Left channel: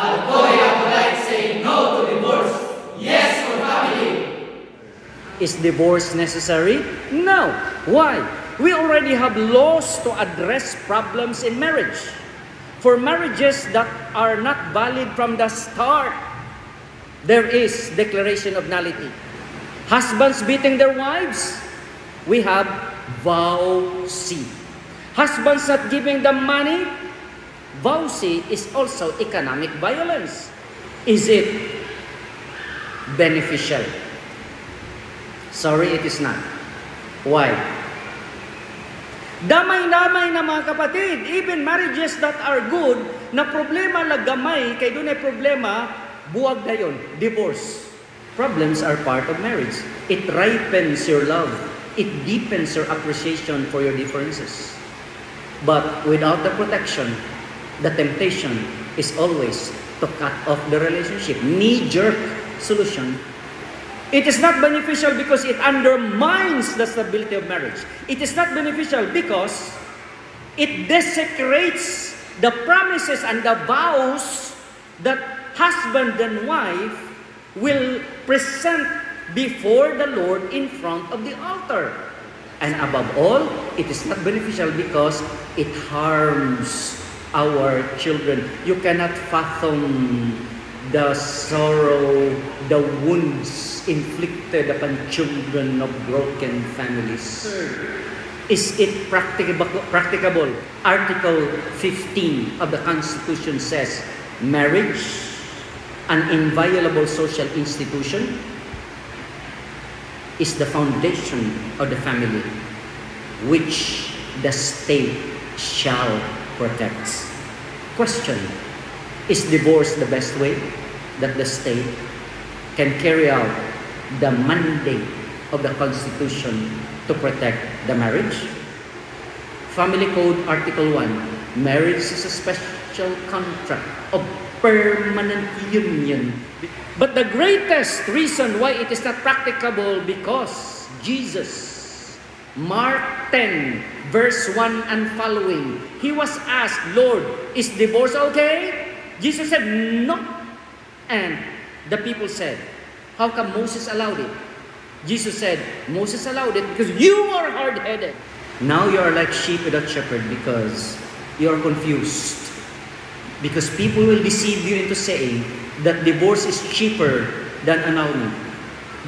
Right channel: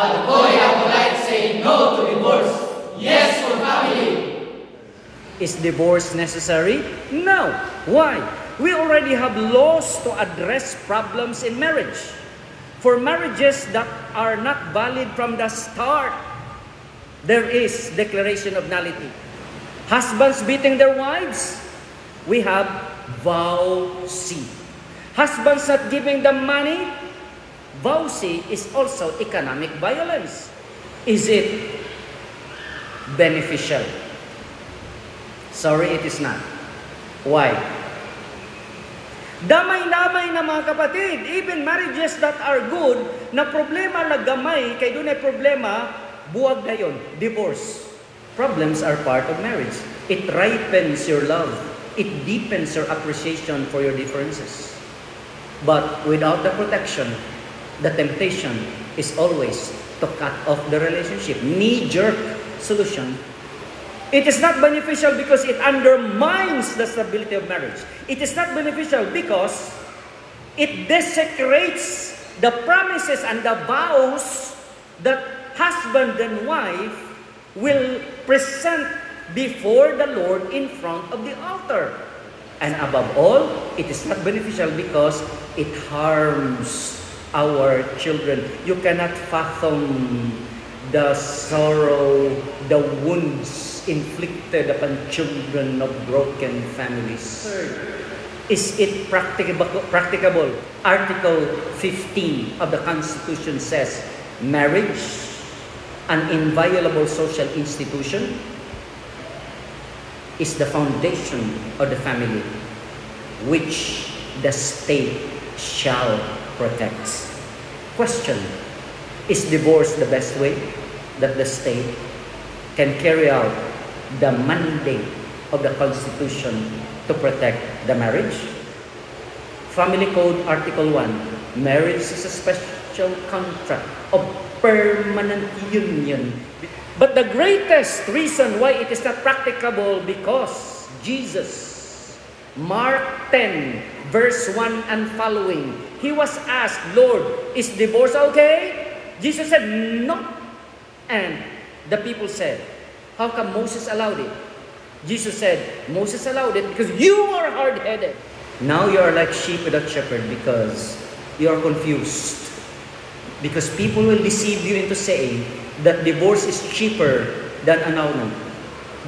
Alcoholic Apolite saying no to divorce, yes for family. Is divorce necessary? No. Why? We already have laws to address problems in marriage. For marriages that are not valid from the start, there is declaration of nullity. Husbands beating their wives, we have vow C. Husbands not giving them money, vow C is also economic violence. Is it beneficial? Sorry, it is not. Why? Damay-damay na mga kapatid, even marriages that are good, na problema lagamay, kay doon ay problema, buwag na yun, divorce. Problems are part of marriage. It ripens your love. It deepens your appreciation for your differences. But without the protection, the temptation is always to cut off the relationship. Knee-jerk solution. It is not beneficial because it undermines the stability of marriage. It is not beneficial because it desecrates the promises and the vows that husband and wife will present before the Lord in front of the altar. And above all, it is not beneficial because it harms our children. You cannot fathom the sorrow, the wounds inflicted upon children of broken families. Is it practicable? Article 15 of the Constitution says, marriage, an inviolable social institution, is the foundation of the family, which the state shall protect. Question: is divorce the best way that the state can carry out the mandate of the Constitution to protect the marriage? Family Code Article 1, marriage is a special contract of permanent union. But the greatest reason why it is not practicable, because Jesus, Mark 10, verse 1 and following, he was asked, Lord, is divorce okay? Jesus said, no. And the people said, how come Moses allowed it? Jesus said, Moses allowed it because you are hard-headed. Now you are like sheep without shepherd because you are confused. Because people will deceive you into saying that divorce is cheaper than annulment.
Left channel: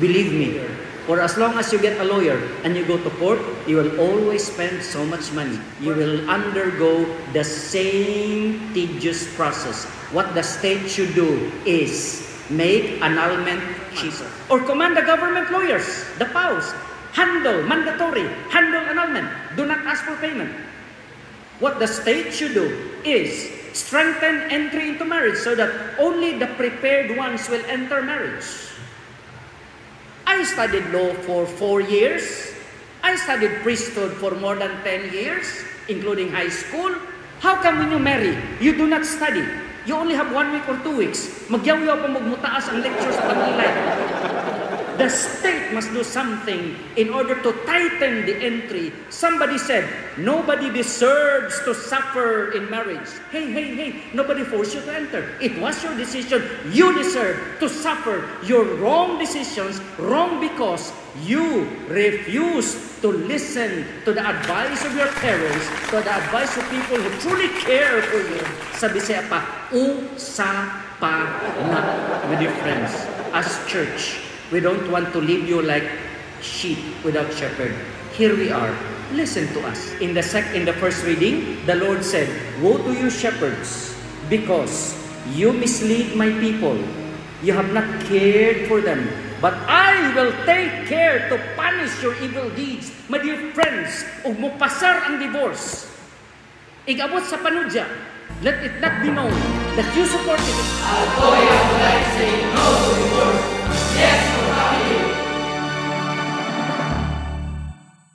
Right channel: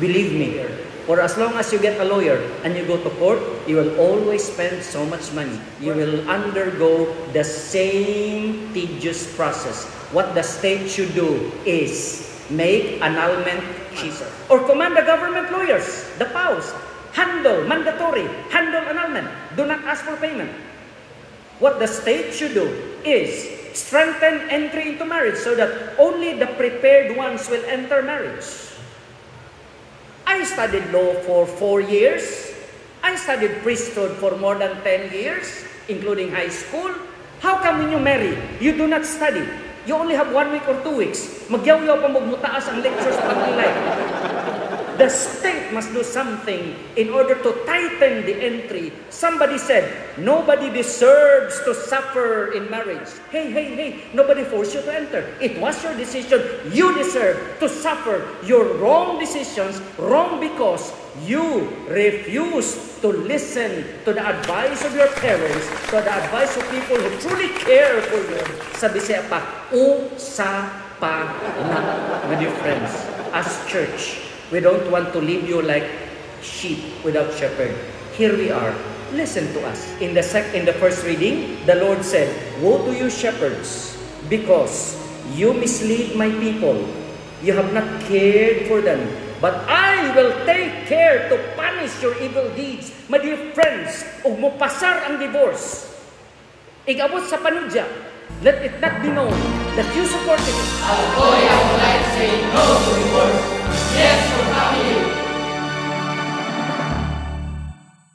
Believe me, for as long as you get a lawyer and you go to court, you will always spend so much money. You will undergo the same tedious process. What the state should do is make annulment cheaper. Or command the government lawyers, the PAWs, mandatory, handle annulment. Do not ask for payment. What the state should do is strengthen entry into marriage so that only the prepared ones will enter marriage. I studied law for 4 years. I studied priesthood for more than 10 years, including high school. How come when you marry, you do not study? You only have 1 week or 2 weeks. Magyaw-yaw pa magmutaas ang lectures sa kanila. The state must do something in order to tighten the entry. Somebody said, nobody deserves to suffer in marriage. Hey, nobody forced you to enter. It was your decision. You deserve to suffer your wrong decisions, wrong because you refuse to listen to the advice of your parents, to the advice of people who truly care for you. Sabi siya pa, usapan na with your friends. As church, we don't want to leave you like sheep without shepherd. Here we are. Listen to us. In the first reading, the Lord said, woe to you shepherds, because you mislead my people. You have not cared for them. But I will take care to punish your evil deeds. My dear friends, ug mo pasar ang divorce, igabot sa panudya, let it not be known that you support it. Alcoholic Apolite saying no to divorce, yes for family.